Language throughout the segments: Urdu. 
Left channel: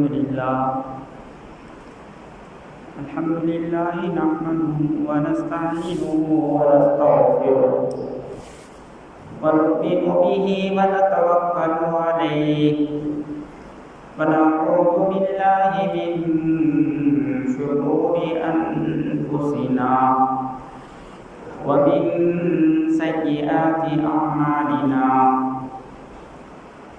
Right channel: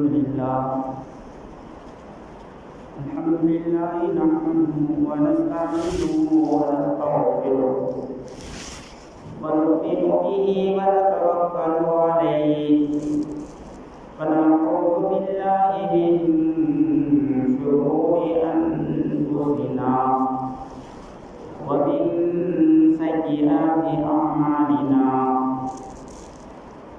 الحمد لله نحمده ونستعينه ونستغفره ونؤمن به ونتوكل عليه ونعوذ بالله من شرور أنفسنا ومن سيئات أعمالنا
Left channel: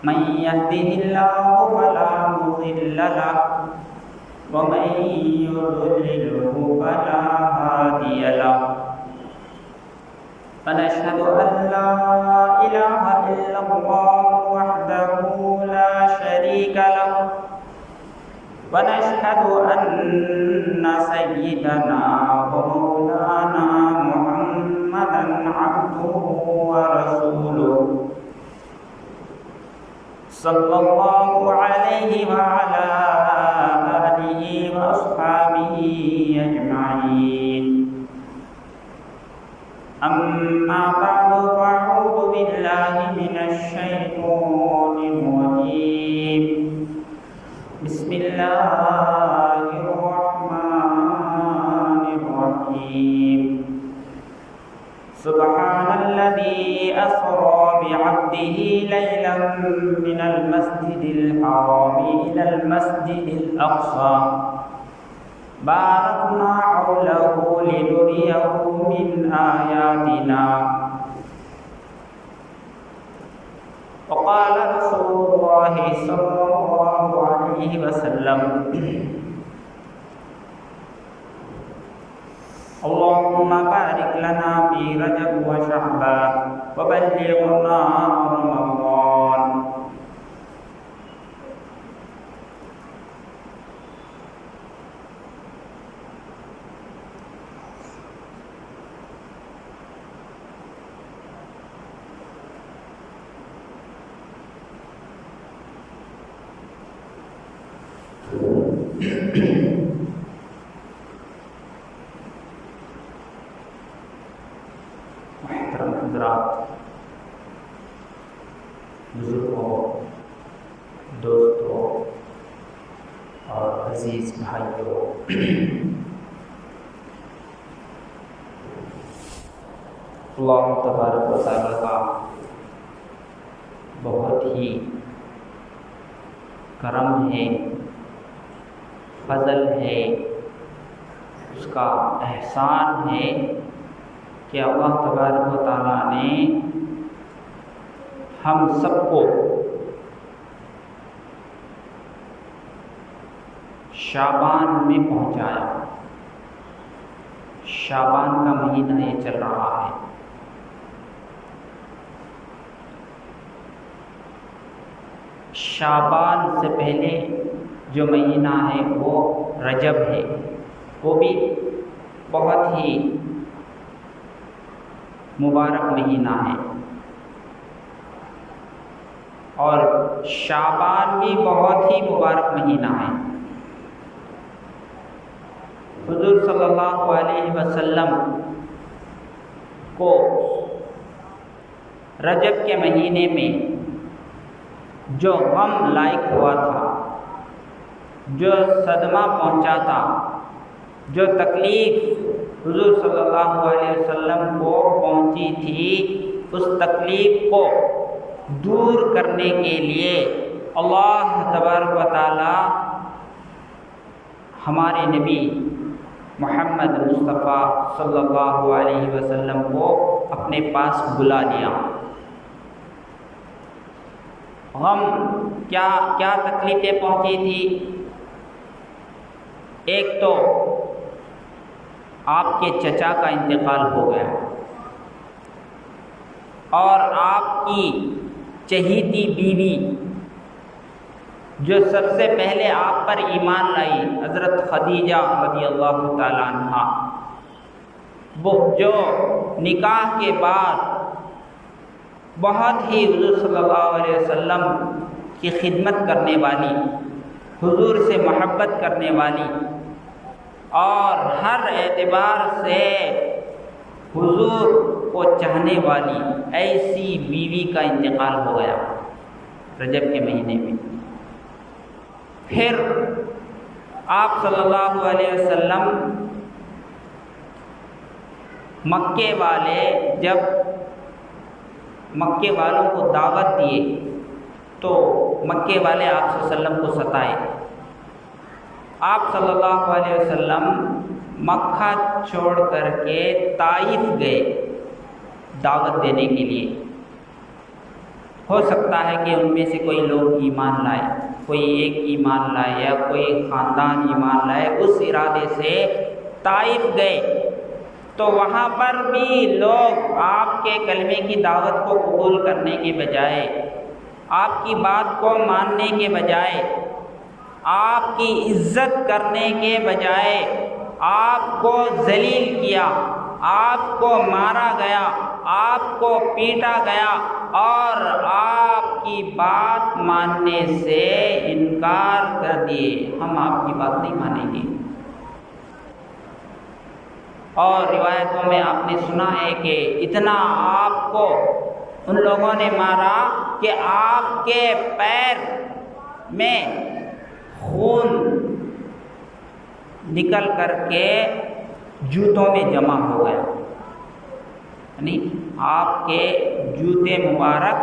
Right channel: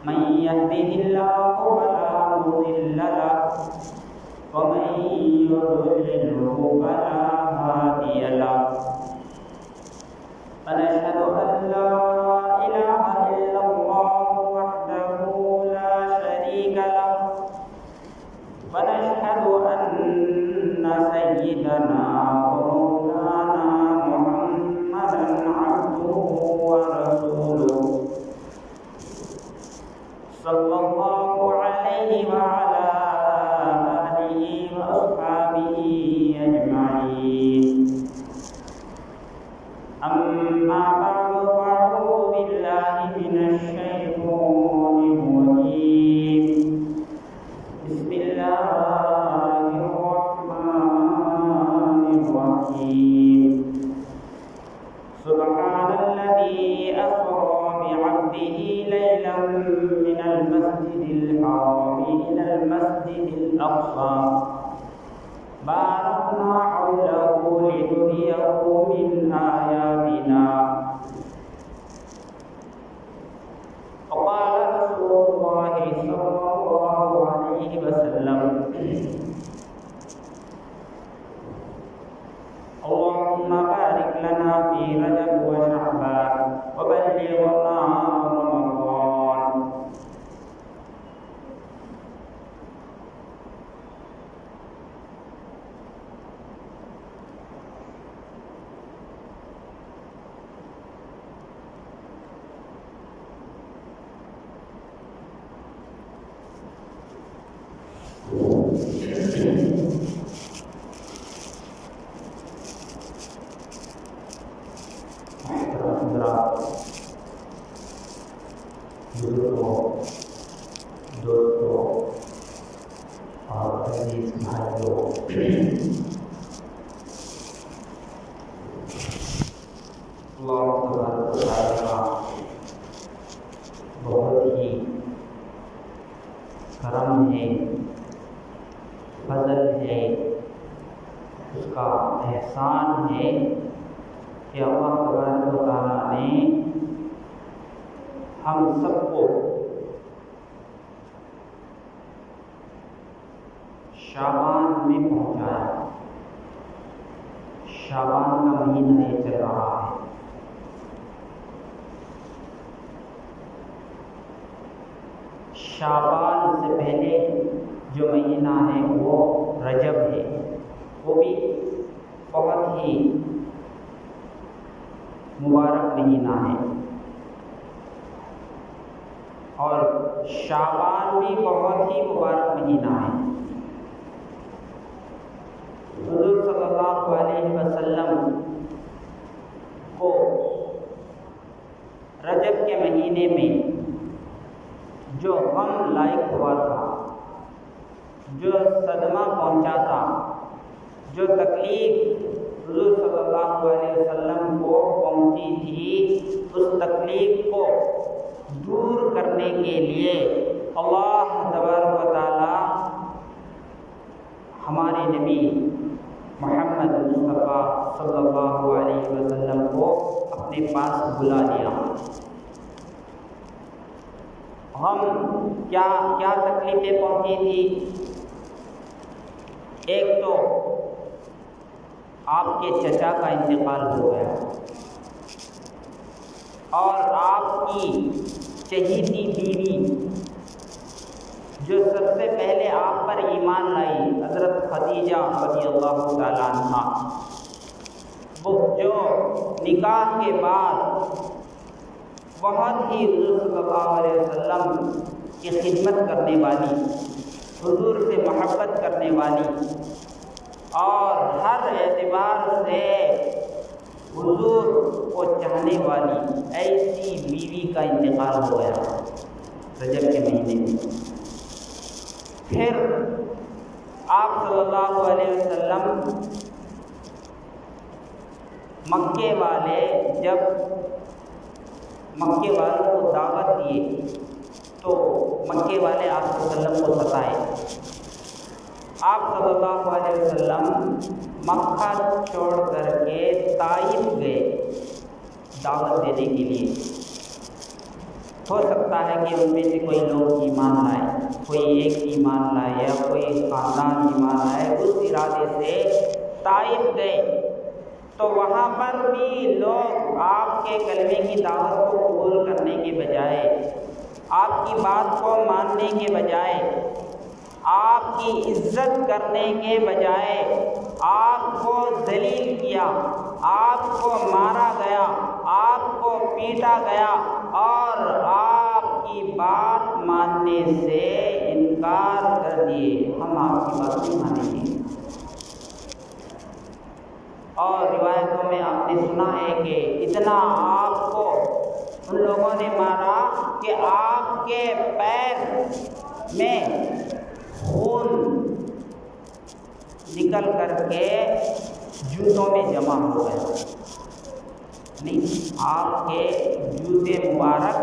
من يهده الله فلا مضل له ومن يضلله فلا هادي له ونشهد أن لا إله إلا الله وحده لا شريك له ونشهد أن سيدنا ومولانا محمدا عبده ورسوله صلى الله عليه وعلى آله وأصحابه أجمعين أما بعد فأعوذ بالله من الشيطان الرجيم بسم الله الرحمن الرحيم سبحان الذي أسرى بعبده ليلا من المسجد الحرام إلى المسجد الأقصى باركنا حوله لنريه من آياتنا وقال رسول الله صلى الله عليه وسلم اللهم بارك لنا في رجب وشعبان وبلغنا رمضان محترم حضرات، بزرگوں، دوستوں اور عزیز بھائیوں، اللہ تبارک و تعالیٰ کا بہت ہی کرم ہے، فضل ہے، اس کا احسان ہے کہ اللہ تبارک و تعالیٰ نے ہم سب کو شعبان میں پہنچایا۔ شعبان کا مہینہ یہ چل رہا ہے۔ شعبان سے پہلے جو مہینہ ہے وہ رجب ہے، وہ بھی بہت ہی مبارک مہینہ ہے، اور شعبان بھی بہت ہی مبارک مہینہ ہے۔ حضور صلی اللہ علیہ وسلم کو رجب کے مہینے میں جو غم لاحق ہوا تھا، جو صدمہ پہنچا تھا، جو تکلیف حضور صلی اللہ علیہ وسلم کو پہنچی تھی، اس تکلیف کو دور کرنے کے لیے اللہ تبارک و تعالی ہمارے نبی محمد مصطفیٰ صلی اللہ علیہ وسلم کو اپنے پاس بلا لیا۔ غم کیا تکلیفیں پہنچی تھی؟ ایک تو آپ کے چچا کا انتقال ہو گیا، اور آپ کی چہیتی بیوی جو سب سے پہلے آپ پر ایمان لائی، حضرت خدیجہ رضی اللہ تعالیٰ عنہا، وہ جو نکاح کے بعد بہت ہی حضور صلی اللہ علیہ وسلم کی خدمت کرنے والی، حضور سے محبت کرنے والی، اور ہر اعتبار سے حضور کو چاہنے والی ایسی بیوی کا انتقال ہو گیا رجب کے مہینے میں۔ پھر آپ صلی اللہ علیہ وسلم مکے والے جب مکے والوں کو دعوت دیے تو مکے والے آپ صلی اللہ علیہ وسلم کو ستائے۔ آپ صلی اللہ علیہ وسلم مکہ چھوڑ کر کے طائف گئے دعوت دینے کے لیے۔ ہو سکتا ہے کہ ان میں سے کوئی لوگ ایمان لائے، کوئی ایک ایمان لائے یا کوئی خاندان ایمان لائے، اس ارادے سے طائف گئے۔ تو وہاں پر بھی لوگ آپ کے کلمے کی دعوت کو قبول کرنے کے بجائے، آپ کی بات کو ماننے کے بجائے، آپ کی عزت کرنے کے بجائے آپ کو ذلیل کیا، آپ کو مارا گیا، آپ کو پیٹا گیا اور آپ کی بات ماننے سے انکار کر دیے، ہم آپ کی بات نہیں مانیں گے۔ اور روایتوں میں آپ نے سنا ہے کہ اتنا آپ کو ان لوگوں نے مارا کہ آپ کے پیر میں خون نکل کر کے جوتوں میں جمع ہو گیا، یعنی آپ کے جوتے مبارک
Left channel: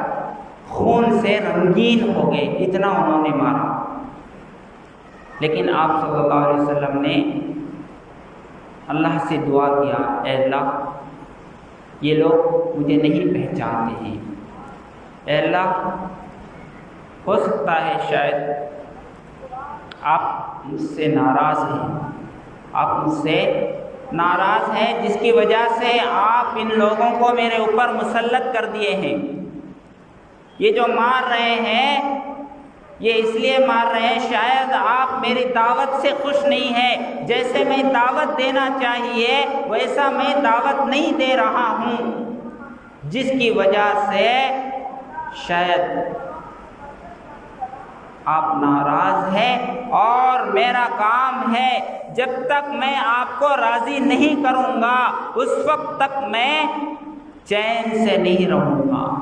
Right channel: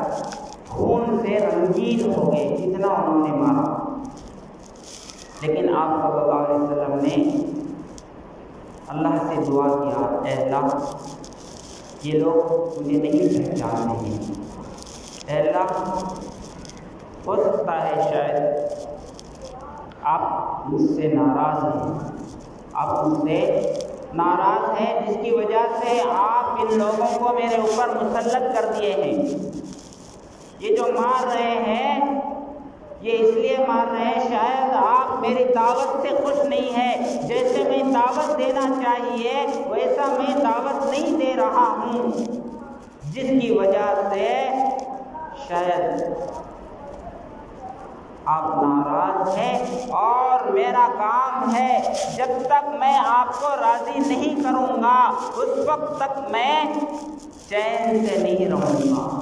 خون سے رنگین ہو گئے، اتنا انہوں نے مارا۔ لیکن آپ صلی اللہ علیہ وسلم نے اللہ سے دعا کیا، اے اللہ یہ لوگ مجھے نہیں پہچانتے ہیں، اے اللہ ہو سکتا ہے شاید آپ مجھ سے ناراض ہیں، آپ مجھ سے ناراض ہیں جس کی وجہ سے آپ ان لوگوں کو میرے اوپر مسلط کر دیے ہیں۔ یہ جو مار رہے ہیں یہ اس لیے مار رہے ہیں شاید آپ میری دعوت سے خوش نہیں ہیں، جیسے میں دعوت دینا چاہیے ویسا میں دعوت نہیں دے رہا ہوں، جس کی وجہ سے شاید آپ ناراض ہیں، اور میرا کام ہے جب تک میں آپ کو راضی نہیں کروں گا اس وقت تک میں چین سے نہیں رہوں گا۔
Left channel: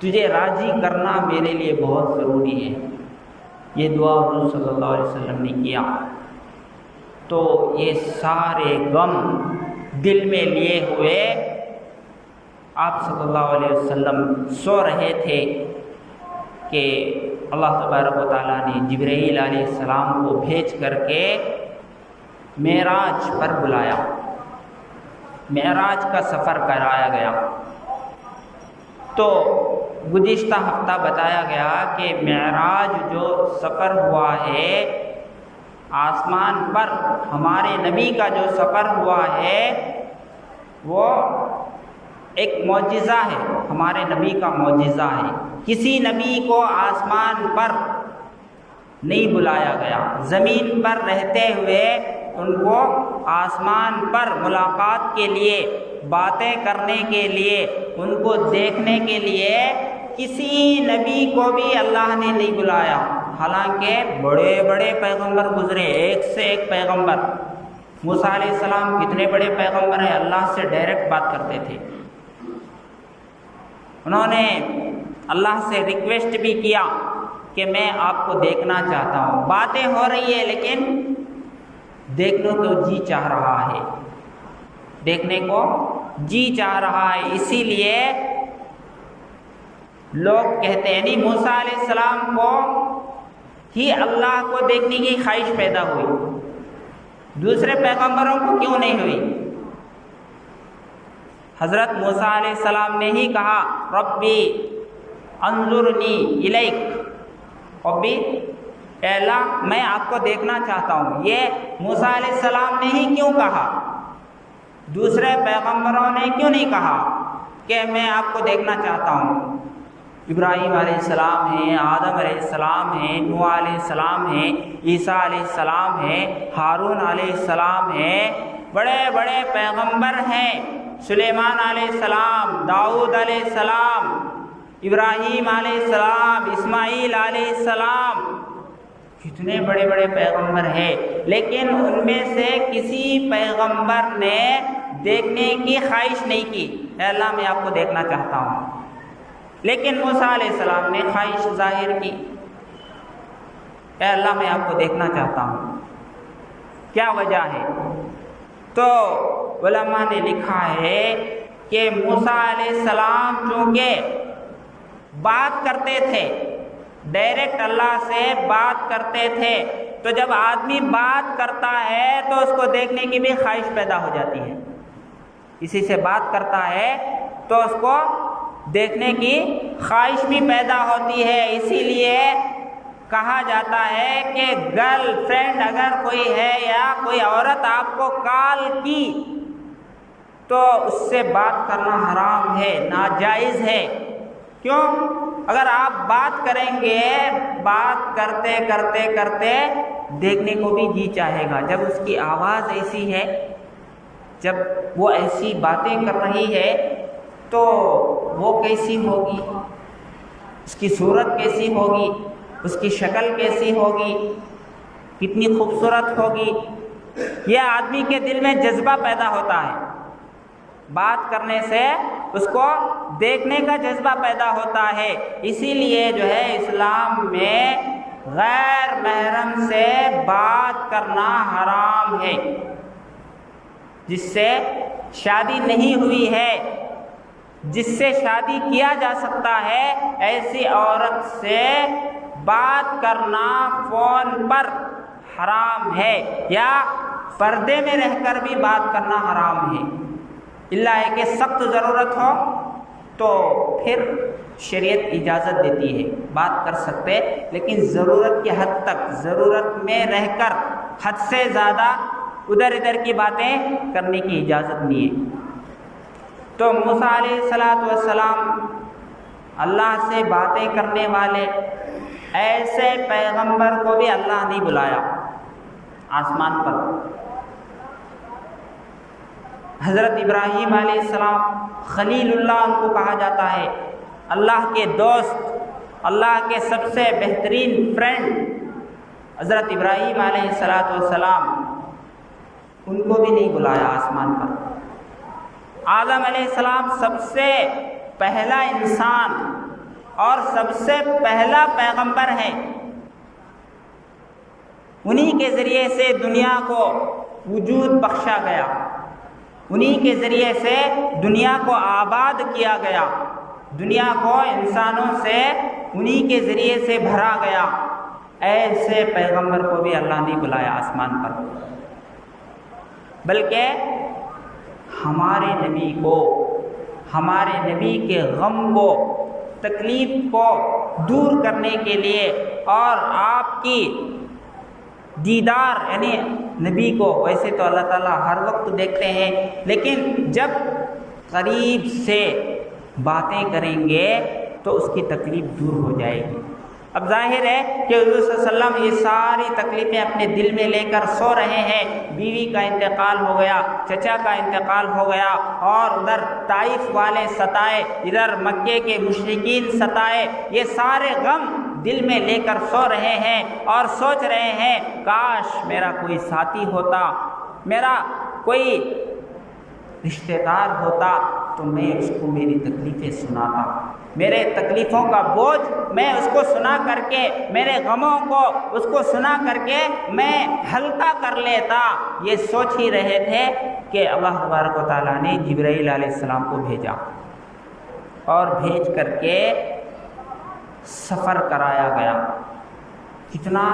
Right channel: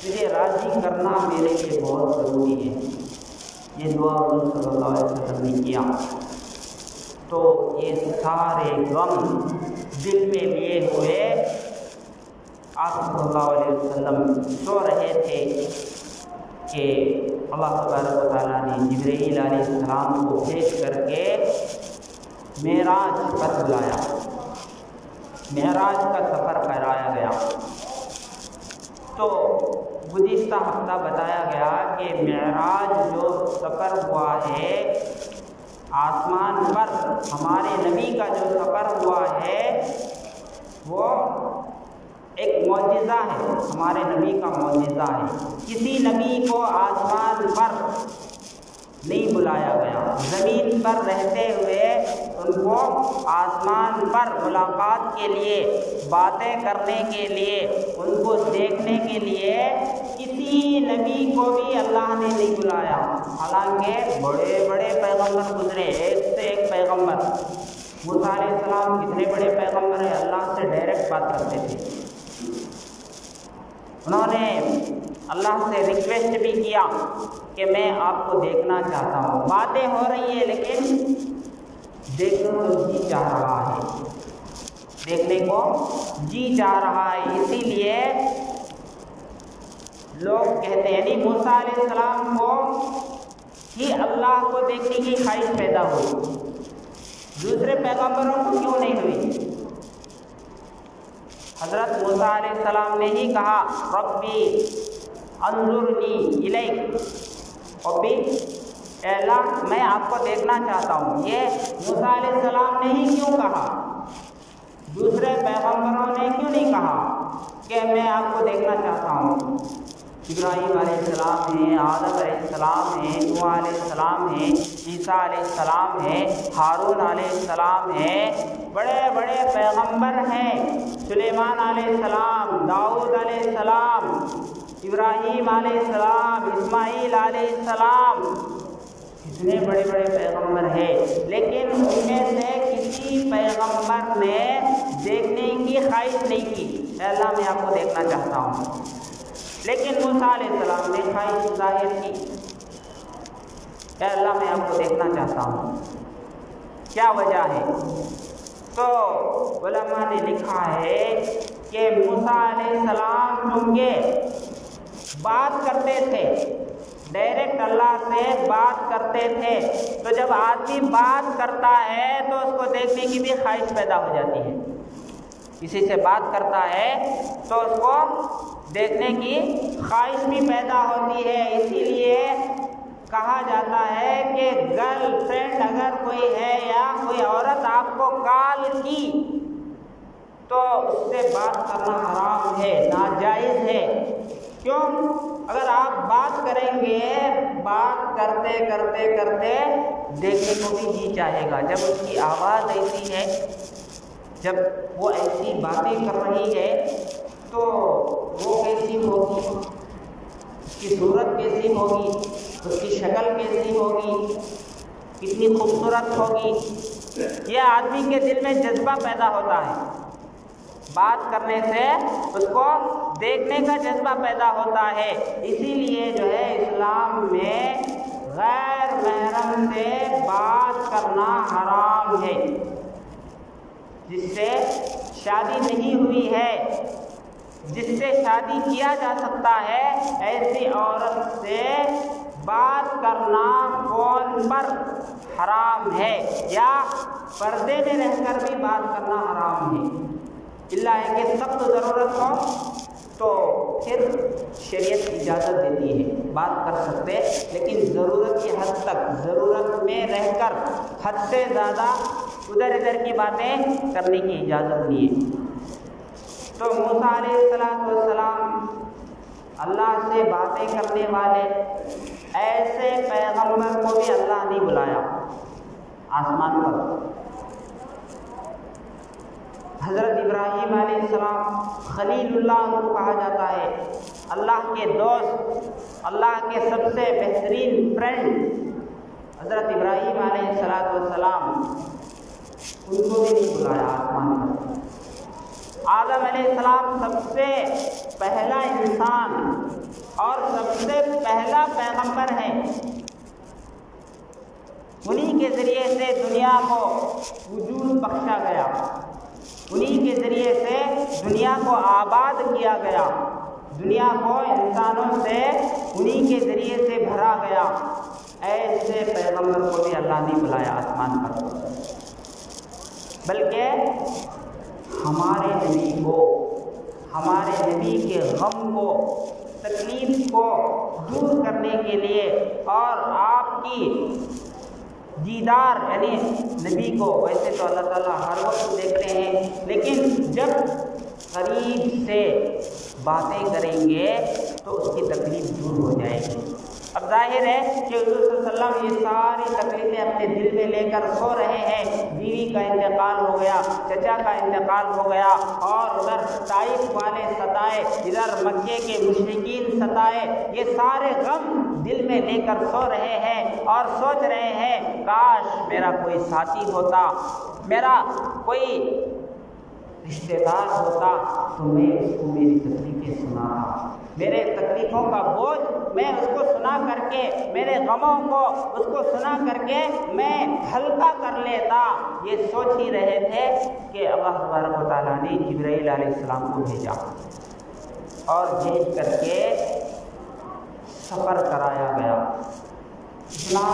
تجھے راضی کرنا میرے لیے بہت ضروری ہے۔ یہ دعا حضور صلی اللہ علیہ وسلم نے کیا تو یہ سارے غم دل میں لیے ہوئے آپ صلی اللہ علیہ وسلم سو رہے تھے کہ اللہ تبارک و تعالیٰ نے جبرائیل علیہ السلام کو بھیج کر کے معراج پر بلایا، معراج کا سفر کرایا گیا۔ تو گزشتہ ہفتہ بتایا گیا کہ معراج جو سفر ہوا ہے آسمان پر، ہمارے نبی کا جو سفر ہوا ہے وہ ایک معجزہ ہے، ہمارے نبی کا معجزہ ہے۔ کسی نبی کو آسمان پر نہیں بلایا گیا، زمین پر رہتے ہوئے ان کو آسمان پر ملاقات کے لیے، باتیں کرنے کے لیے، ان کو دیکھنے کے لیے کسی نبی کو بھی اللہ نے نہیں بلایا۔ حالانکہ بڑے بڑے پیغمبر گزرے، ایک سے ایک پیغمبر۔ موسیٰ علیہ السلام کتنے بڑے پیغمبر ہیں، اللہ سے ڈائریکٹ بات کرتے تھے۔ انہوں نے اللہ سے ریکویسٹ بھی کیا کہ میں آپ کو دیکھنا چاہتا ہوں، باتیں ہو رہی ہیں لیکن دیکھنے کو جی چاہ رہا ہے، دیکھنے کو جی چاہ رہا ہے۔ اسی لیے لوگ کہتے ہیں یعنی موسیٰ علیہ السلام کو ہی اللہ کو دیکھنے کی خواہش پیدا ہوئی، دوسرے پیغمبروں کو کیوں نہیں ہوئی؟ حضرت موسیٰ علیہ السلام نے ہی کہا ربی انظرنی الیک، ربی اے اللہ میں آپ کو دیکھنا چاہتا ہوں۔ یہ موسیٰ علیہ السلام نے ہی کیوں کہا؟ دوسرے پیغمبروں نے کیوں نہیں کہا کہ میں آپ کو دیکھنا چاہتا ہوں؟ ابراہیم علیہ السلام ہیں، آدم علیہ السلام ہیں، نوح علیہ السلام ہیں، عیسیٰ علیہ السلام ہیں، ہارون علیہ السلام ہیں، بڑے بڑے پیغمبر ہیں، سلیمان علیہ السلام، داؤد علیہ السلام، ابراہیم علیہ السلام، اسماعیل علیہ السلام، کتنے بڑے بڑے پیغمبر ہیں، لیکن ان میں سے کسی پیغمبر نے دیکھنے کی خواہش نہیں کی، اے اللہ میں آپ کو دیکھنا چاہتا ہوں۔ لیکن موسیٰ علیہ السلام نے خواہش ظاہر کی۔ اے اللہ میں آپ کو دیکھنا چاہتا ہوں، کیا وجہ ہے؟ تو علماء نے لکھا ہے کہ موسیٰ علیہ السلام چونکہ بات کرتے تھے، ڈائریکٹ اللہ سے بات کرتے تھے، تو جب آدمی بات کرتا ہے تو اس کو دیکھنے کی بھی خواہش پیدا ہو جاتی ہے۔ کسی سے بات کرتا ہے تو اس کو دیکھنے کی خواہش بھی پیدا ہوتی ہے۔ اسی لیے کہا جاتا ہے کہ گرل فرینڈ اگر کوئی ہے یا کوئی عورت آپ کو کال کی تو اس سے بات کرنا حرام ہے، ناجائز ہے۔ کیوں؟ اگر آپ بات کریں گے، بات کرتے کرتے کرتے دیکھنے کو بھی جی چاہے گا۔ جب اس کی آواز ایسی ہے، جب وہ ایسی باتیں کر رہی ہے تو وہ کیسی ہوگی، اس کی صورت کیسی ہوگی، اس کی شکل کیسی ہوگی، کتنی خوبصورت ہوگی، یہ آدمی کے دل میں جذبہ پیدا ہوتا ہے۔ بات کرنے سے اس کو دیکھنے کا جذبہ پیدا ہوتا ہے۔ اسی لیے جو ہے اسلام میں غیر محرم سے بات کرنا حرام ہے۔ جس سے شادی نہیں ہوئی ہے، جس سے شادی کیا جا سکتا ہے، ایسی عورت سے بات کرنا فون پر حرام ہے، یا پردے میں رہ کر بھی بات کرنا حرام ہے۔ اللہ ہے کہ سخت ضرورت ہو تو پھر شریعت اجازت دیتی ہے، بات کر سکتے، لیکن ضرورت کی حد تک، ضرورت میں رہ کر حد سے زیادہ ادھر ادھر کی باتیں کرنے کی اجازت نہیں ہے۔ تو موسیٰ علیہ السلام اللہ سے باتیں کرنے والے ایسے پیغمبر کو بھی اللہ نے بلایا آسمان پر۔ حضرت ابراہیم علیہ السلام خلیل اللہ ان کو کہا جاتا ہے، اللہ کے دوست، اللہ کے سب سے بہترین فرینڈ حضرت ابراہیم علیہ السلام، ان کو بھی نہیں بلایا آسمان پر۔ آدم علیہ السلام سب سے پہلا انسان اور سب سے پہلا پیغمبر ہے، انہی کے ذریعے سے دنیا کو وجود بخشا گیا، انہی کے ذریعے سے دنیا کو آباد کیا گیا، دنیا کو انسانوں سے انہی کے ذریعے سے بھرا گیا۔ ایسے پیغمبر کو بھی اللہ نے بلایا آسمان پر، بلکہ ہمارے نبی کو، ہمارے نبی کے غم کو، تکلیف کو دور کرنے کے لیے اور آپ کی دیدار، یعنی نبی کو ویسے تو اللہ تعالیٰ ہر وقت دیکھتے ہیں، لیکن جب قریب سے باتیں کریں گے تو اس کی تکلیف دور ہو جائے گی۔ اب ظاہر ہے کہ حضور صلی اللہ علیہ وسلم یہ ساری تکلیفیں اپنے دل میں لے کر سو رہے ہیں، بیوی کا انتقال ہو گیا، چچا کا انتقال ہو گیا، اور ادھر طائف والے ستائے، ادھر مکے کے مشرکین ستائے، یہ سارے غم دل میں لے کر سو رہے ہیں اور سوچ رہے ہیں کاش میرا کوئی ساتھی ہوتا، میرا کوئی رشتہ دار ہوتا تو میں اس کو میری تکلیفیں سناتا، میرے تکلیفوں کا بوجھ میں اس کو سنا کر کے، میرے غموں کو اس کو سنا کر کے میں ہلکا کر لیتا۔ یہ سوچ ہی رہے تھے کہ اللہ تبارک و تعالیٰ نے جبرائیل علیہ السلام کو بھیجا اور بھیج کر کے سفر کرایا گیا۔ کتنا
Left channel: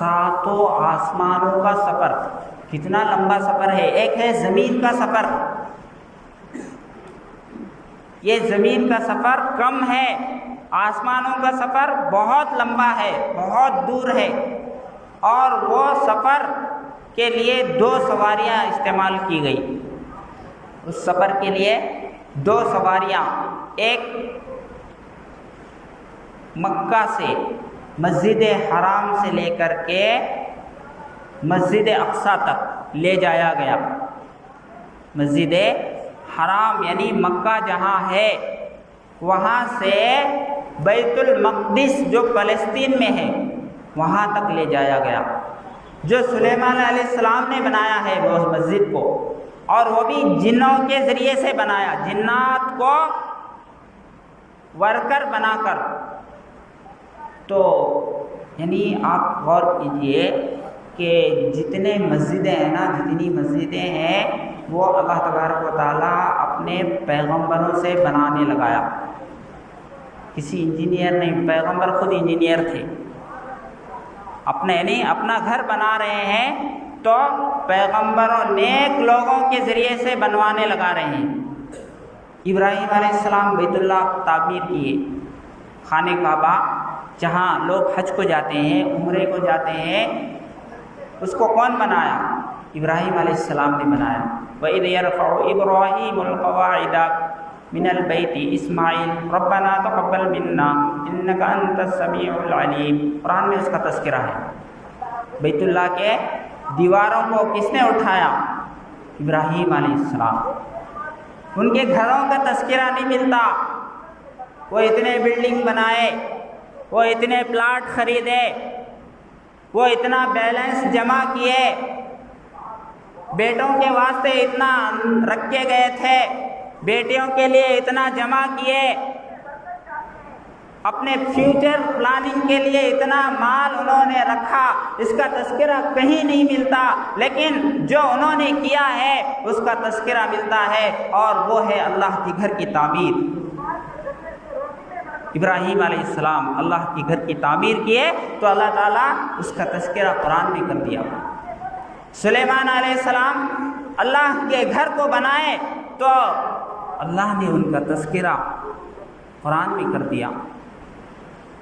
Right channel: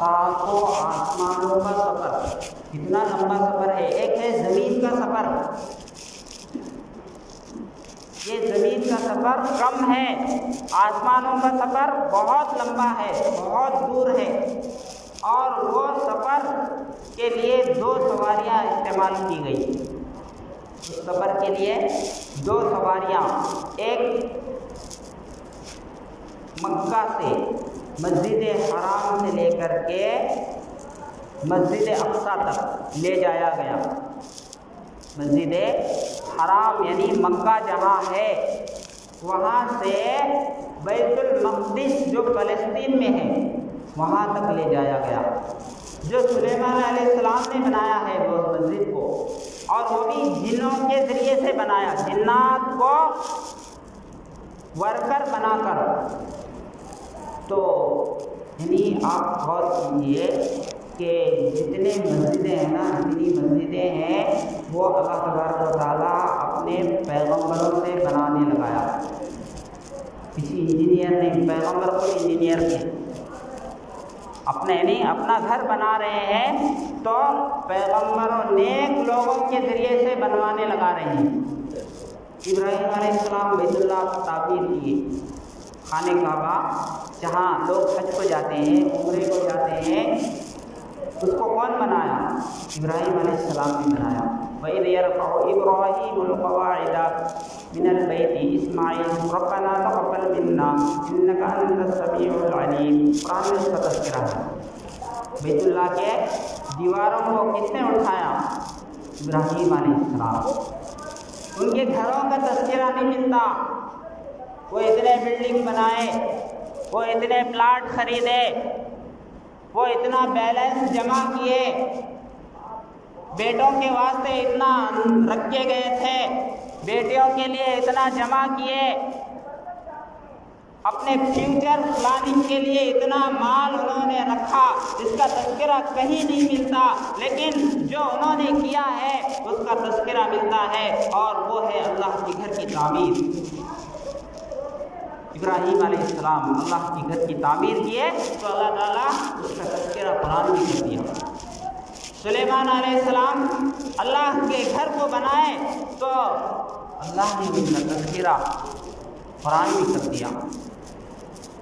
7 آسمانوں کا سفر، کتنا لمبا سفر ہے۔ ایک ہے زمین کا سفر، یہ زمین کا سفر کم ہے، آسمانوں کا سفر بہت لمبا ہے، بہت دور ہے، اور وہ سفر کے لیے 2 سواریاں استعمال کی گئی۔ اس سفر کے لیے 2 سواریاں، ایک مکہ سے مسجد حرام سے لے کر کے مسجد اقصیٰ تک لے جایا گیا۔ مسجد حرام یعنی مکہ جہاں ہے، وہاں سے بیت المقدس جو فلسطین میں ہے وہاں تک لے جایا گیا، جو سلیمان علیہ السلام نے بنایا ہے وہ مسجد کو، اور وہ بھی جنوں کے ذریعے سے بنایا، جنات کو ورکر بنا کر۔ تو یعنی آپ غور کیجئے کہ جتنی مسجدیں ہیں وہ اللہ تبارک و تعالیٰ اپنے پیغمبروں سے بنانے لگایا. کسی انجینئر نہیں، پیغمبر خود انجینئر تھے. اپنا گھر بنا رہے ہیں تو پیغمبروں نیک لوگوں کے ذریعے سے بنوانے لگا رہے ہیں. ابراہیم علیہ السلام بیت اللہ تعمیر کیے، خانہ کعبہ جہاں لوگ حج کو جاتے ہیں، عمرے کو جاتے ہیں، اس کو کون بنایا؟ ابراہیم علیہ السلام نے بنایا. وَإِذْ يَرْفَعُ إِبْرَاهِيمُ الْقَوَاعِدَ مِنَ الْبَيْتِ إِسْمَاعِيلُ رَبَّنَا تَقَبَّلْ مِنَّا إِنَّكَ أَنْتَ السَّمِيعُ الْعَلِيمُ. قرآن میں اس کا تذکرہ ہے. بیت اللہ کے دیواروں کو کس نے اٹھایا؟ ابراہیم علیہ السلام. ان کے گھروں کا تذکرہ نہیں ملتا. وہ اتنے بلڈنگ بنائے، وہ اتنے پلاٹ خریدے، وہ اتنا بیلنس جمع کیے، بیٹوں کے واسطے اتنا رکھے گئے تھے، بیٹیوں کے لیے اتنا جمع کیے، اپنے فیوچر پلاننگ کے لیے اتنا مال انہوں نے رکھا، اس کا تذکرہ کہیں نہیں ملتا. لیکن جو انہوں نے کیا ہے اس کا تذکرہ ملتا ہے، اور وہ ہے اللہ کے گھر کی تعمیر. ابراہیم علیہ السلام اللہ کے گھر کی تعمیر کیے تو اللہ تعالیٰ اس کا تذکرہ قرآن میں کر دیا. سلیمان علیہ السلام اللہ کے گھر کو بنائے تو اللہ نے ان کا تذکرہ قرآن میں کر دیا.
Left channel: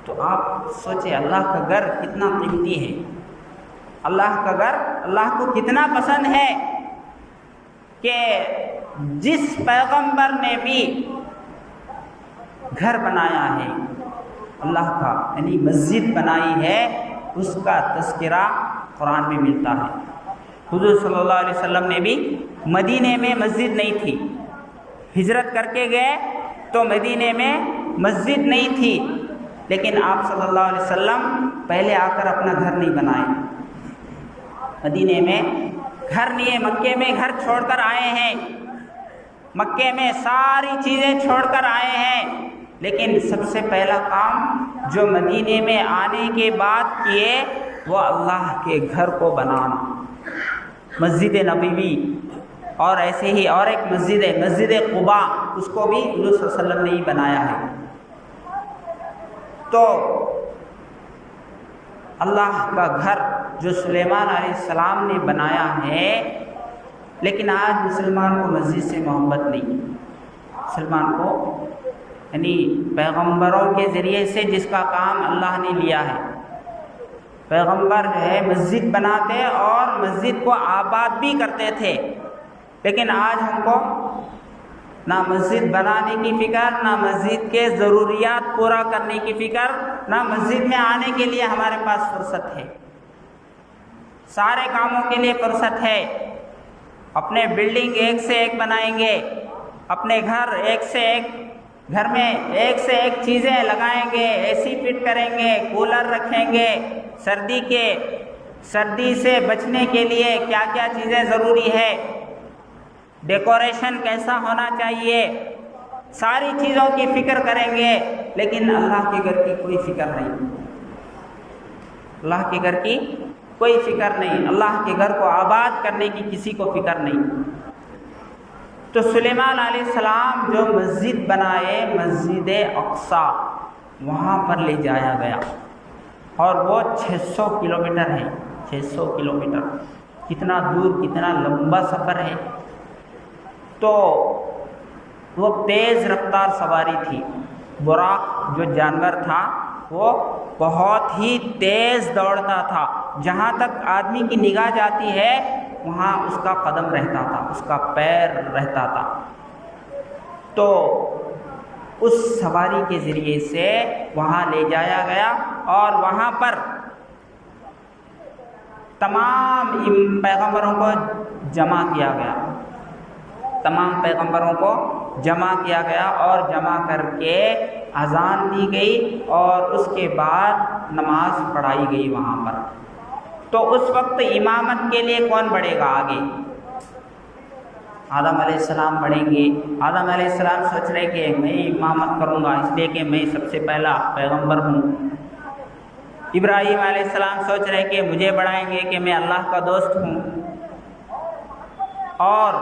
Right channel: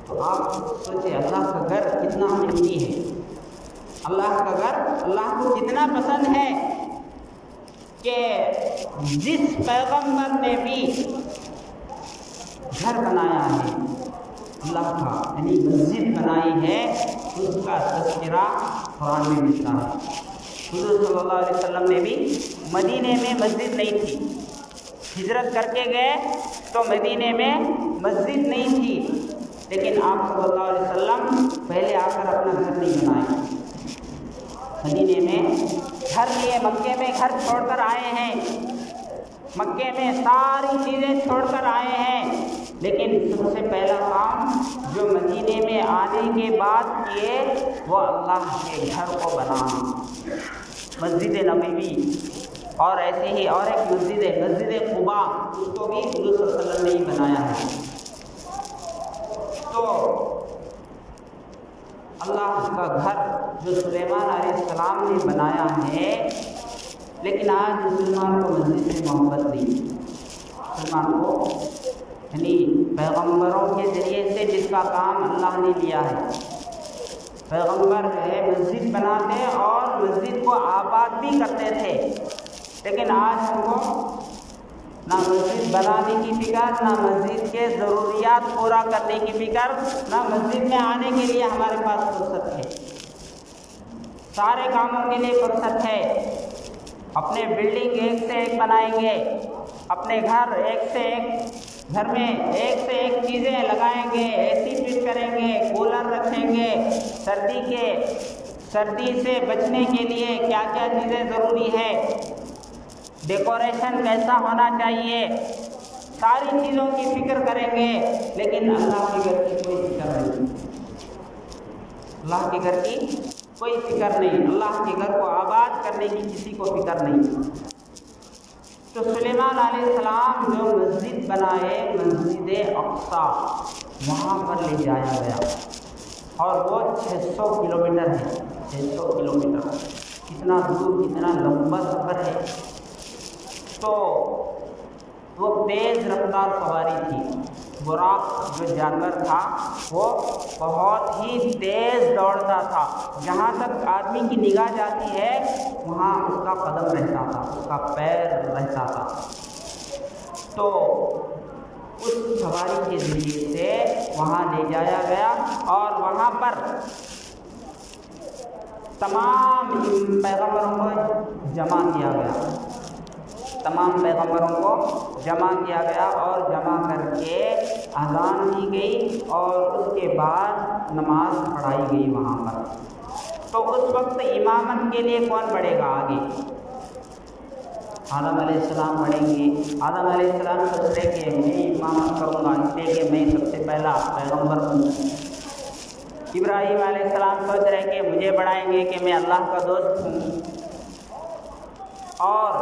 تو آپ سوچیں اللہ کا گھر کتنا قیمتی ہے، اللہ کا گھر اللہ کو کتنا پسند ہے کہ جس پیغمبر نے بھی گھر بنایا ہے اللہ کا، یعنی مسجد بنائی ہے، اس کا تذکرہ قرآن میں ملتا ہے. حضور صلی اللہ علیہ وسلم نے بھی مدینے میں مسجد نہیں تھی، ہجرت کر کے گئے تو مدینے میں مسجد نہیں تھی، لیکن آپ صلی اللہ علیہ وسلم پہلے آ کر اپنا گھر نہیں بنائے، مدینے میں گھر لیے، مکے میں گھر چھوڑ کر آئے ہیں، مکے میں ساری چیزیں چھوڑ کر آئے ہیں. لیکن سب سے پہلا کام جو مدینے میں آنے کے بعد کیے وہ اللہ کے گھر کو بنانا، مسجد نبوی. اور ایسے ہی اور ایک مسجد ہے مسجد قباء، اس کو بھی حضور صلی اللہ علیہ وسلم نے ہی بنایا ہے. تو اللہ کا گھر جو سلیمان علیہ السلام نے بنایا ہے، لیکن آج مسلمان کو مسجد سے محبت نہیں. مسلمان کو یعنی پیغمبروں کے ذریعے سے جس کا کام اللہ نے لیا ہے، پیغمبر ہے مسجد بناتے اور مسجد کو آباد بھی کرتے تھے، لیکن آج ہم کو نہ مسجد بنانے کی فکر، نہ مسجد کے ضروریات پورا کرنے کی فکر، نہ مسجد میں آنے کے لیے ہمارے پاس فرصت ہے. سارے کاموں کے لیے فرصت ہے. اپنے بلڈنگ ایک سے ایک بنائیں گے، اپنے گھر ایک سے ایک، گھر میں ایک سے ایک چیزیں لگائیں گے، اے سی فٹ کریں گے، کولر رکھیں گے، سردی سے بچنے کے لیے کیا کیا چیزیں ضروری ہے، ڈیکوریشن کیسا ہونا چاہیے، ساری چیزوں کی فکر کریں گے. لیکن اللہ کے گھر کی کوئی فکر نہیں، اللہ کے گھر کی کوئی فکر نہیں، اللہ کے گھر کو آباد کرنے کی کسی کو فکر نہیں. تو سلیمان علیہ السلام جو مسجد بنائے، مسجد اقصی، وہاں پر لے جایا گیا، اور وہ 600 کلومیٹر ہے. 600 کلومیٹر کتنا دور، کتنا لمبا سفر ہے. تو وہ تیز رفتار سواری تھی. براق جو جانور تھا وہ بہت ہی تیز دوڑتا تھا، جہاں تک آدمی کی نگاہ جاتی ہے وہاں اس کا قدم رہتا تھا، اس کا پیر رہتا تھا. تو اس سواری کے ذریعے سے وہاں لے جایا گیا، اور وہاں پر تمام پیغمبروں کو جمع کیا گیا، تمام پیغمبروں کو جمع کیا گیا، اور جمع کر کے اذان دی گئی، اور اس کے بعد نماز پڑھائی گئی وہاں پر. تو اس وقت امامت کے لیے کون بڑھے گا آگے؟ آدم علیہ السلام بڑھیں گے. آدم علیہ السلام سوچ رہے کہ میں امامت کروں گا، اس لیے کہ میں سب سے پہلا پیغمبر ہوں. ابراہیم علیہ السلام سوچ رہے کہ مجھے بڑھائیں گے کہ میں اللہ کا دوست ہوں، اور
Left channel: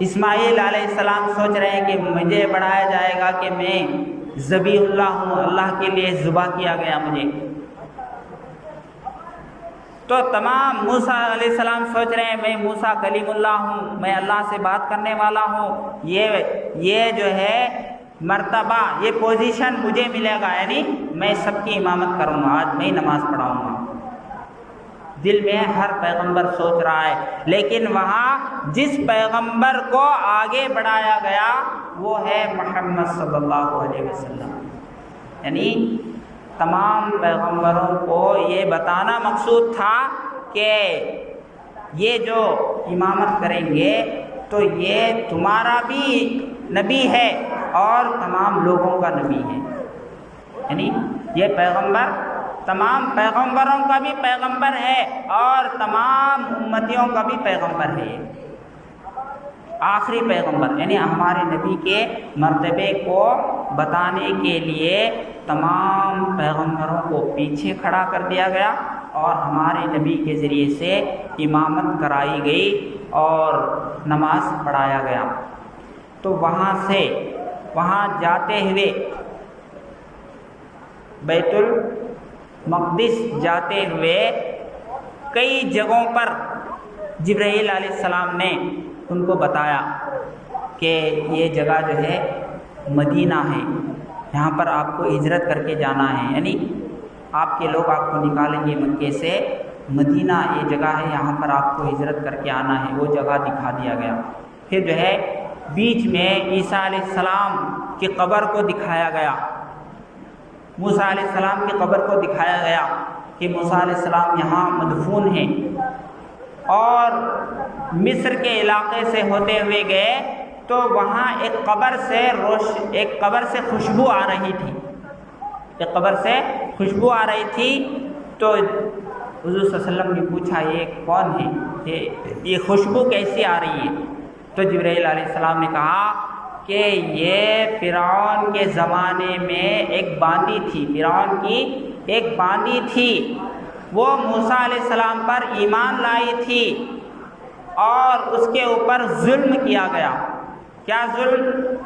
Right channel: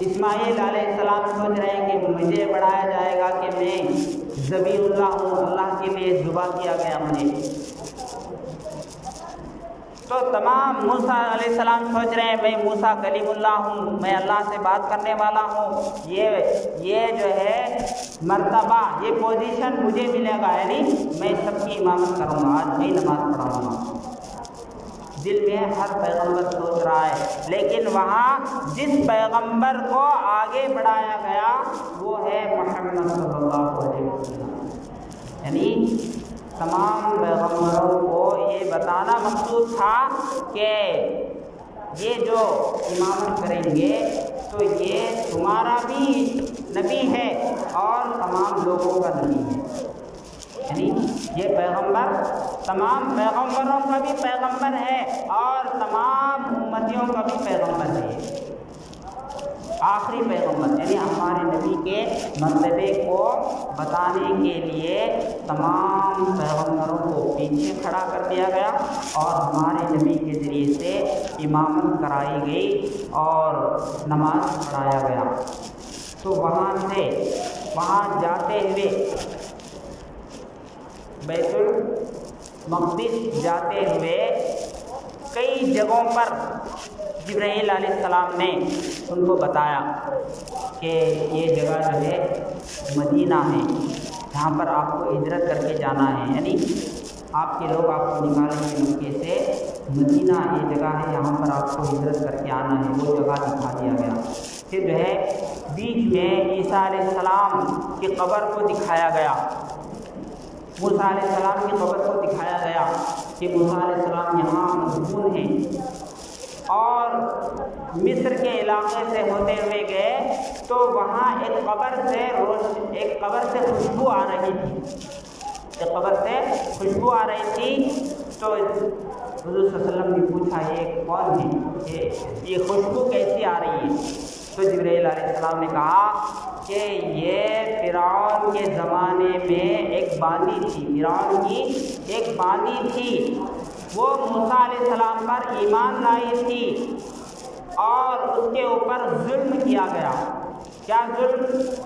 اسماعیل علیہ السلام سوچ رہے ہیں کہ مجھے بڑھایا جائے گا کہ میں ذبیح اللہ ہوں، اللہ کے لیے ذبح کیا گیا مجھے۔ تو تمام موسیٰ علیہ السلام سوچ رہے ہیں میں موسیٰ کلیم اللہ ہوں، میں اللہ سے بات کرنے والا ہوں، یہ جو ہے مرتبہ، یہ پوزیشن مجھے ملے گا، یعنی میں سب کی امامت کروں گا، آج میں نماز پڑھاؤں گا۔ دل میں ہر پیغمبر سوچ رہا ہے، لیکن وہاں جس پیغمبر کو آگے بڑھایا گیا وہ ہے محمد صلی اللہ علیہ وسلم، یعنی تمام پیغمبروں کو یہ بتانا مقصود تھا کہ یہ جو امامت کریں گے تو یہ تمہارا بھی نبی ہے اور تمام لوگوں کا نبی ہے، یعنی یہ پیغمبر تمام پیغمبروں کا بھی پیغمبر ہے اور تمام امتیوں کا بھی پیغمبر ہے، آخری پیغمبر، یعنی ہمارے نبی کے مرتبے کو بتانے کے لیے تمام پیغمبروں کو پیچھے کھڑا کر دیا گیا اور ہمارے نبی کے ذریعے سے امامت کرائی گئی اور نماز پڑھایا گیا۔ تو وہاں جاتے ہوئے بیت المقدس جاتے ہوئے کئی جگہوں پر جبرائیل علیہ السلام نے ان کو بتایا کہ یہ جگہ جو ہے مدینہ ہے، یہاں پر آپ کو ہجرت کر کے جانا ہے، یعنی آپ کے لوگ آپ کو نکالیں گے مکے سے، مدینہ یہ جگہ ہے، یہاں پر آپ کو ہجرت کر کے آنا ہے، وہ جگہ دکھا دیا گیا۔ پھر جو ہے بیچ میں عیسیٰ علیہ السلام کی قبر کو دکھایا گیا، موسیٰ علیہ السلام کی قبر کو دکھایا گیا کہ موسیٰ علیہ السلام یہاں مدفون ہیں، اور مصر کے علاقے سے ہوتے ہوئے گئے تو وہاں ایک قبر سے خوشبو آ رہی تھی، تو حضور صلی اللہ علیہ وسلم نے پوچھا یہ کون ہے، یہ خوشبو کیسی آ رہی ہے؟ تو جبرائیل علیہ السلام نے کہا کہ یہ فرعون کے زمانے میں ایک باندی تھی، فرعون کی ایک باندی تھی، وہ موسیٰ علیہ السلام پر ایمان لائی تھی اور اس کے اوپر ظلم کیا گیا۔ کیا ظلم؟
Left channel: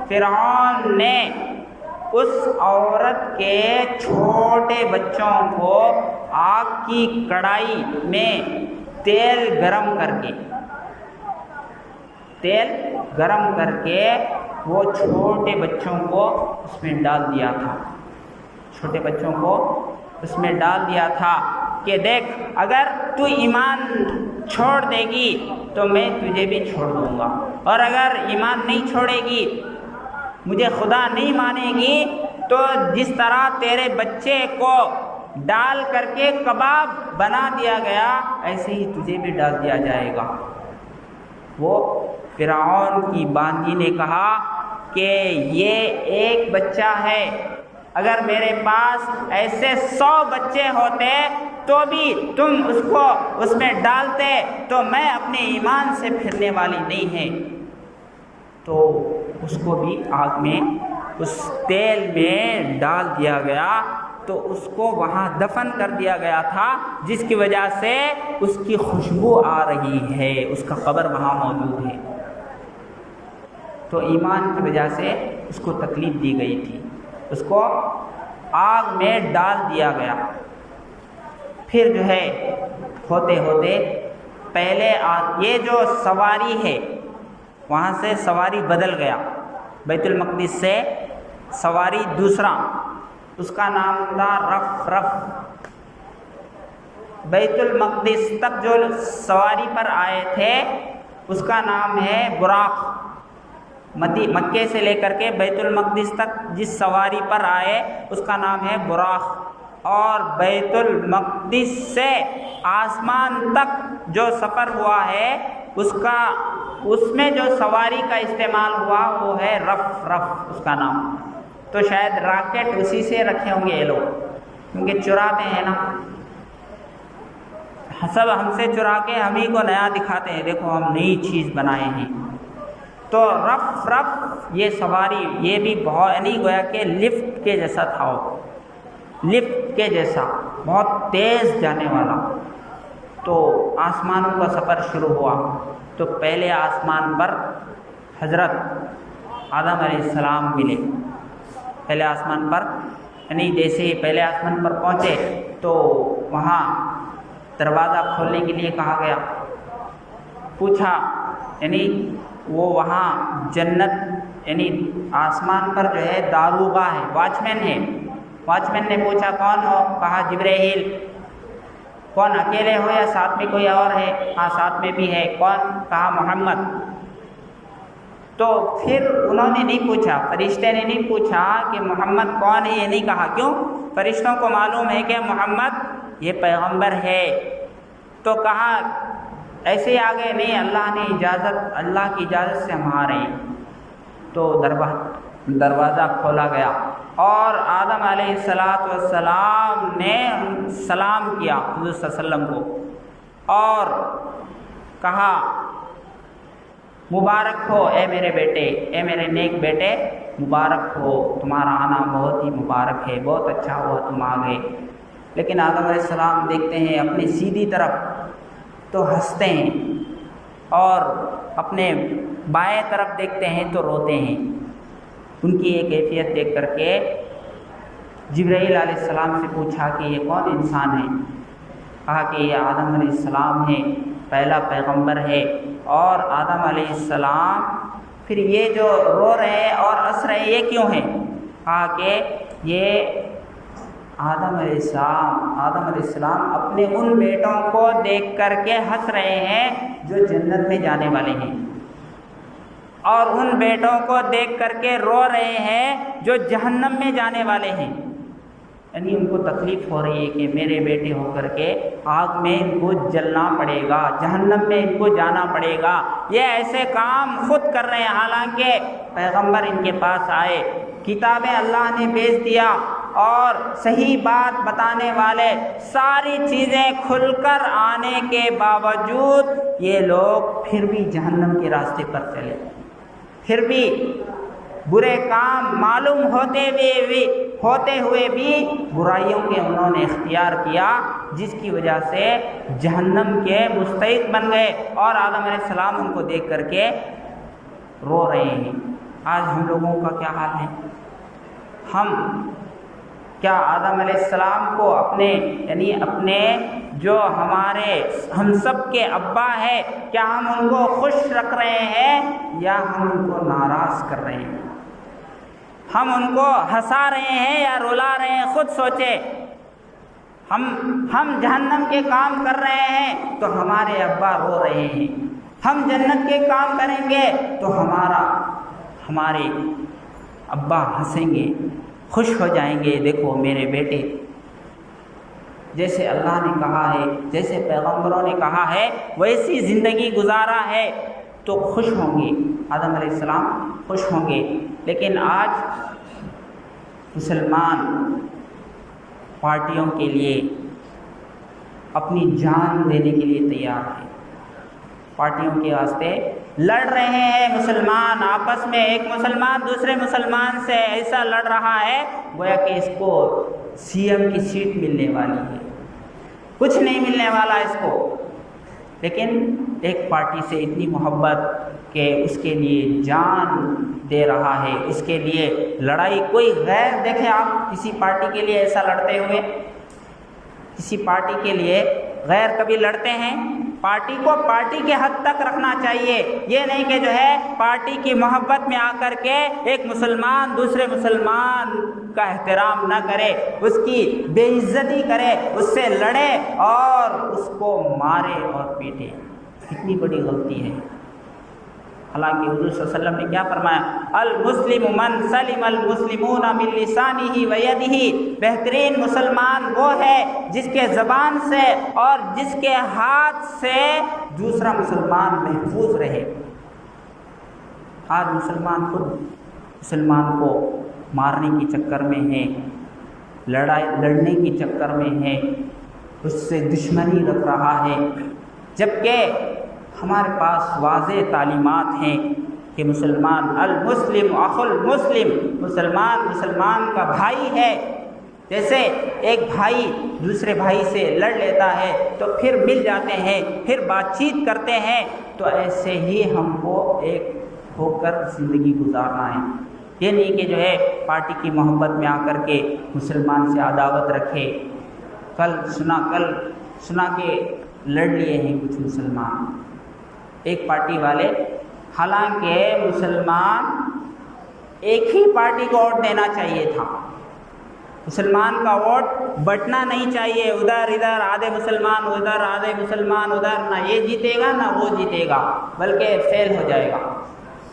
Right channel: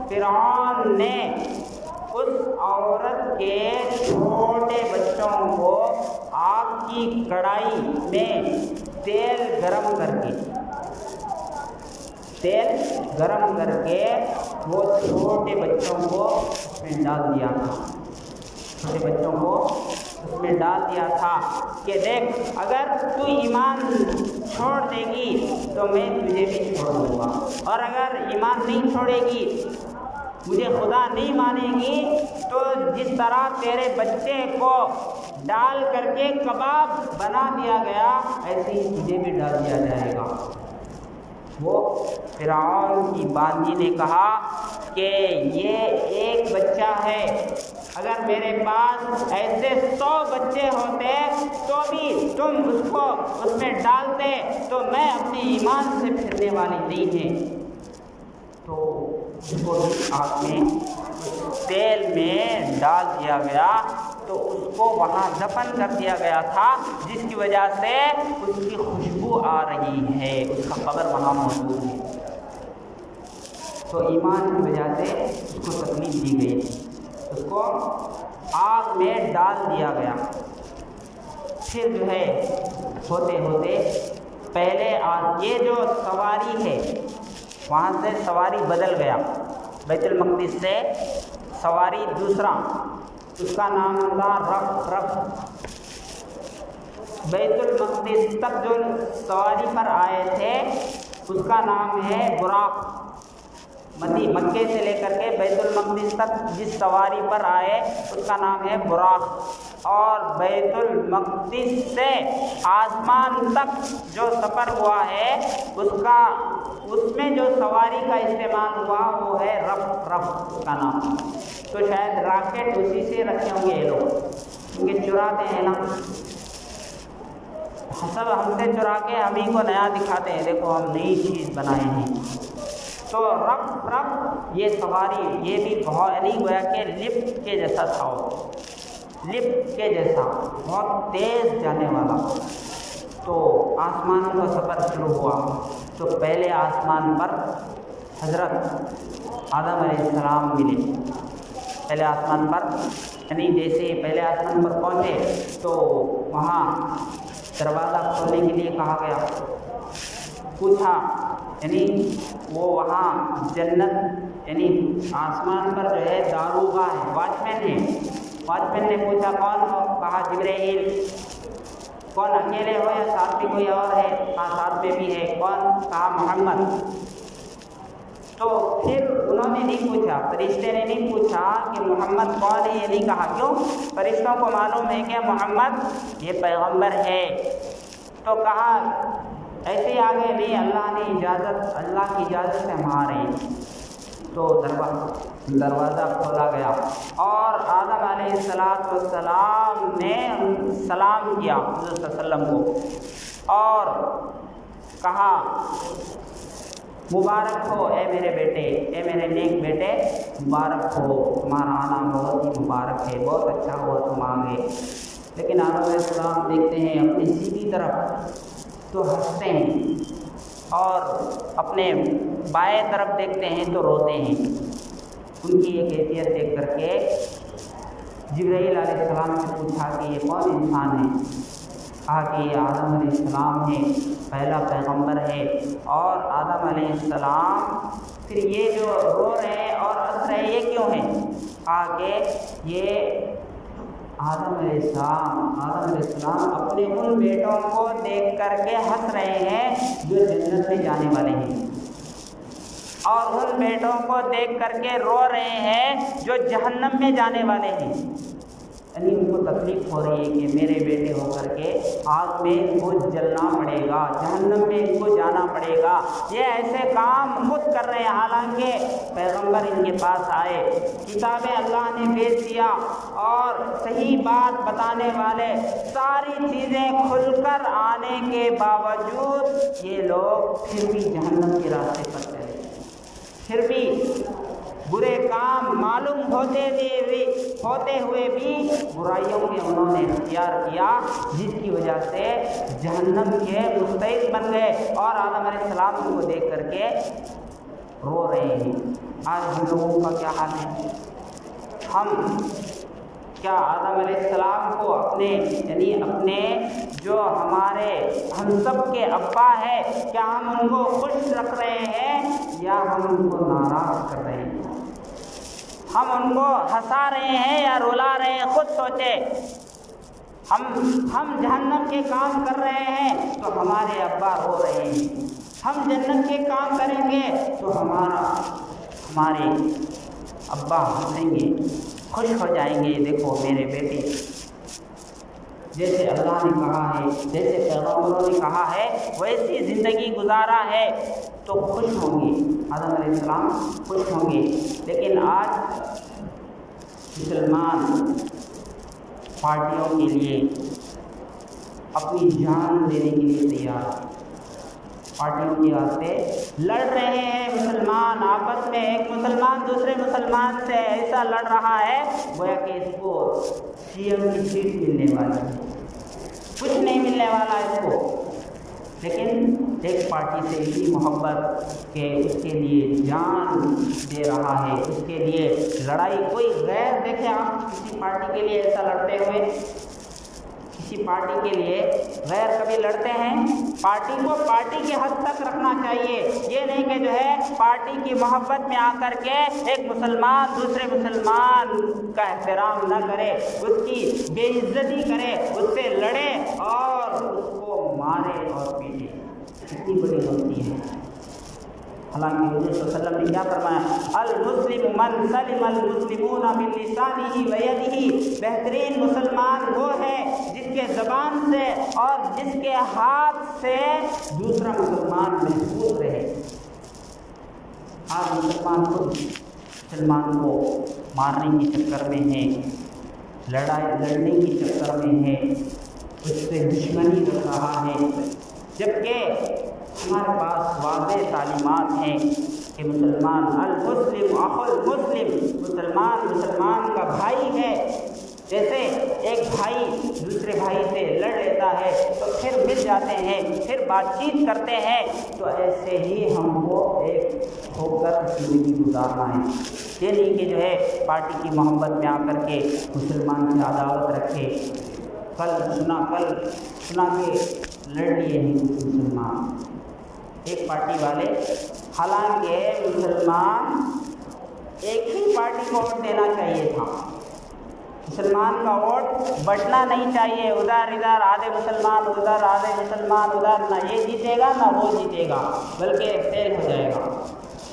فرعون نے اس عورت کے چھوٹے بچوں کو آگ کی کڑائی میں تیل گرم کر کے وہ چھوٹے بچوں کو اس میں ڈال دیا تھا کہ دیکھ اگر تو ایمان چھوڑ دے گی تو میں تجھے بھی چھوڑ دوں گا، اور اگر ایمان نہیں چھوڑے گی، مجھے خدا نہیں مانے گی، تو جس طرح تیرے بچے کو ڈال کر کے کباب بنا دیا گیا ایسے ہی تجھے بھی ڈال دیا جائے گا۔ وہ فرعون کی باندی نے کہا کہ یہ ایک بچہ ہے، اگر میرے پاس ایسے 100 بچے ہوتے تو بھی تم اس کو اس میں ڈالتے تو میں اپنے ایمان سے پھرنے والی نہیں ہے۔ تو اس کو بھی آگ میں اس تیل میں ڈال دیا گیا، تو اس کو وہاں دفن کر دیا گیا تھا، جس کی وجہ سے اس کی خوشبو آ رہی ہے، اس کا قبر وہاں موجود ہے۔ تو ایمان کی وجہ سے اس کو تکلیف دی گئی تھی، اس کو آگ میں ڈال دیا گیا۔ پھر جو ہے ہوتے ہوتے پہلے یہ جو سواری ہے وہاں سے سواری بدل گیا، بیت المقدس سے سواری دوسرا، اس کا نام تھا رف۔ بیت المقدس تک جو سواری پر آئے تھے اس کا نام ہے براق۔ مکے سے لے کر کے بیت المقدس تک جس سواری پر آئے اس کا نام ہے براق، اور بیت المقدس سے آسمان تک جو سفر ہوا ہے اس میں جو سواری کا استعمال ہوا وہ ہے رف اس کا نام۔ تو شاید راکٹ اسی سے رکھے ہوں گے یہ لوگ، کیونکہ چراتے ہیں نا، سب ہم سے چرا کے ہم ہی کو نیا دکھاتے ہیں، دیکھو ہم نئی چیز بنائے ہیں۔ تو رف یہ سواری، یہ بھی بہت یعنی گویا کہ لفٹ کے جیسا تھا، لفٹ کے جیسا بہت تیز جانے والا۔ تو آسمانوں کا سفر شروع ہوا تو پہلے آسمان پر حضرت آدم علیہ السلام ملے۔ پہلے آسمان پر یعنی جیسے ہی پہلے آسمان پر پہنچے تو وہاں دروازہ کھولنے کے لیے کہا گیا، پوچھا، یعنی وہ وہاں جنت یعنی آسمان پر جو ہے داروغہ ہے، واچمین ہے۔ واچمین نے پوچھا کون ہو؟ کہا جبرائیل۔ کون، اکیلے ہو یا ساتھ میں کوئی اور ہے؟ ہاں ساتھ میں بھی ہے۔ کون؟ کہا محمد۔ تو پھر انہوں نے نہیں پوچھا، فرشتے نے نہیں پوچھا کہ محمد کون ہے، یہ نہیں کہا۔ کیوں؟ فرشتوں کو معلوم ہے کہ محمد یہ پیغمبر ہے۔ تو کہا ایسے آگے نہیں، اللہ نے اجازت، اللہ کی اجازت سے ہم آ رہے ہیں۔ تو دروازہ کھولا گیا اور آدم علیہ السلام نے سلام کیا حضور صلی اللہ علیہ وسلم کو اور کہا مبارک ہو اے میرے بیٹے، اے میرے نیک بیٹے، مبارک ہو، تمہارا آنا بہت ہی مبارک ہے، بہت اچھا ہوا تم آ گئے۔ لیکن آدم علیہ السلام دیکھتے ہیں اپنی سیدھی طرف تو ہنستے ہیں اور اپنے بائیں طرف دیکھتے ہیں تو روتے ہیں۔ ان کی یہ کیفیت دیکھ کر کے جبرائیل علیہ السلام سے پوچھا کہ یہ کون انسان ہے؟ کہا کہ یہ آدم علیہ السلام ہے، پہلا پیغمبر ہے۔ اور آدم علیہ السلام پھر یہ جو رو رہے اور ہنس رہے یہ کیوں ہیں؟ کہا کہ یہ آدم علیہ السلام اپنے ان بیٹوں کو دیکھ کر کے ہنس رہے ہیں جو جنت میں جانے والے ہیں، اور ان بیٹوں کو دیکھ کر کے رو رہے ہیں جو جہنم میں جانے والے ہیں۔ یعنی ان کو تکلیف ہو رہی ہے کہ میرے بیٹے ہو کر کے آگ میں ان کو جلنا پڑے گا، جہنم میں ان کو جانا پڑے گا، یہ ایسے کام خود کر رہے ہیں۔ حالانکہ پیغمبر ان کے پاس آئے، کتابیں اللہ نے بھیج دیا اور صحیح بات بتانے والے، ساری چیزیں کھل کر آنے کے باوجود یہ لوگ پھر بھی جہنم کے راستے پر چلے، پھر بھی برے کام معلوم ہوتے ہوئے بھی برائیوں کے انہوں نے اختیار کیا، جس کی وجہ سے جہنم کے مستحق بن گئے۔ اور آدم علیہ السلام ان کو دیکھ کر کے رو رہے ہیں۔ آج ہم لوگوں کا کیا حال ہے؟ ہم کیا آدم علیہ السلام کو اپنے جو ہم سب کے ابا ہے، کیا ہم ان کو خوش رکھ رہے ہیں یا ہم ان کو ناراض کر رہے ہیں؟ ہم ان کو ہنسا رہے ہیں یا رلا رہے ہیں؟ خود سوچیں۔ ہم جہنم کے کام کر رہے ہیں تو ہمارے ابا رو رہے ہیں، ہم جنت کے کام کریں گے تو ہمارے ابا ہنسیں گے، خوش ہو جائیں گے، دیکھو میرے بیٹے، جیسے اللہ نے کہا ہے، جیسے پیغمبروں نے کہا ہے ویسی زندگی گزارا ہے تو خوش ہوں گے، آدم علیہ السلام خوش ہوں گے۔ لیکن آج مسلمان پارٹیوں کے لیے اپنی جان دینے کے لیے تیار ہیں، پارٹیوں کے واسطے لڑ رہے ہیں مسلمان آپس میں۔ ایک مسلمان دوسرے مسلمان سے ایسا لڑ رہا ہے گویا کہ اس کو سی ایم کی سیٹ ملنے والی ہے، کچھ نہیں ملنے والا اس کو، لیکن ایک پارٹی سے اتنی محبت کہ اس کے لیے جان دے رہا ہے، اس کے لیے لڑائی۔ کوئی غیر دیکھیں آپ کسی پارٹی کے لیے ایسا لڑتے ہوئے، کسی پارٹی کے لیے غیر کبھی لڑتے ہیں؟ پارٹی کو پارٹی کے حد تک رکھنا چاہیے، یہ نہیں کہ جو ہے پارٹی کی محبت میں آ کر کے ایک مسلمان دوسرے مسلمان کا احترام نہ کرے، اس کی بے عزتی کرے، اس سے لڑے اور اس کو مارے اور پیٹے، کتنی بڑی غلطی ہے۔ حالانکہ حضور صلی اللہ علیہ وسلم نے کیا فرمایا؟ المسلم من سلم المسلمون من لسانہ و یدہ، بہترین مسلمان وہ ہے جس کے زبان سے اور جس کے ہاتھ سے دوسرا مسلمان محفوظ رہے۔ آج مسلمان کو مارنے کے چکر میں ہے، لڑنے کے چکر میں ہے، اس سے دشمنی رکھ رہا ہے، جبکہ ہمارے پاس واضح تعلیمات ہیں کہ مسلمان المسلم اخو المسلم، مسلمان کا بھائی ہے۔ جیسے ایک بھائی دوسرے بھائی سے لڑ لیتا ہے تو پھر مل جاتے ہیں، پھر بات چیت کرتے ہیں، تو ایسے ہی ہم کو ایک ہو کر زندگی گزارنا ہے۔ یہ نہیں کہ جو ہے پارٹی کی محبت میں آ کر کے مسلمان سے عداوت رکھے۔ کل سنا کہ لڑ لیے ہیں کچھ مسلمان ایک پارٹی والے، حالانکہ مسلمان ایک ہی پارٹی کو ووٹ دینا چاہیے تھا، مسلمان کا ووٹ بٹنا نہیں چاہیے، ادھر آدھے مسلمان ادھر آدھے مسلمان ادھر، نہ یہ جیتے گا نہ وہ جیتے گا، بلکہ فیل ہو جائے گا۔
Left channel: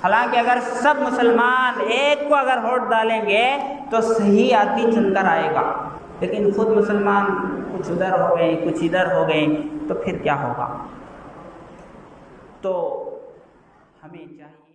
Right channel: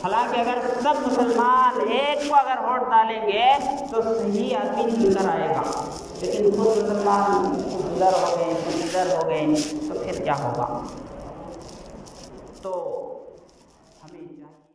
حالانکہ اگر سب مسلمان ایک کو اگر ووٹ ڈالیں گے تو صحیح آدمی چن کر آئے گا، لیکن خود مسلمان کچھ ادھر ہو گئے کچھ ادھر ہو گئے تو پھر کیا ہوگا؟ تو ہمیں چاہیے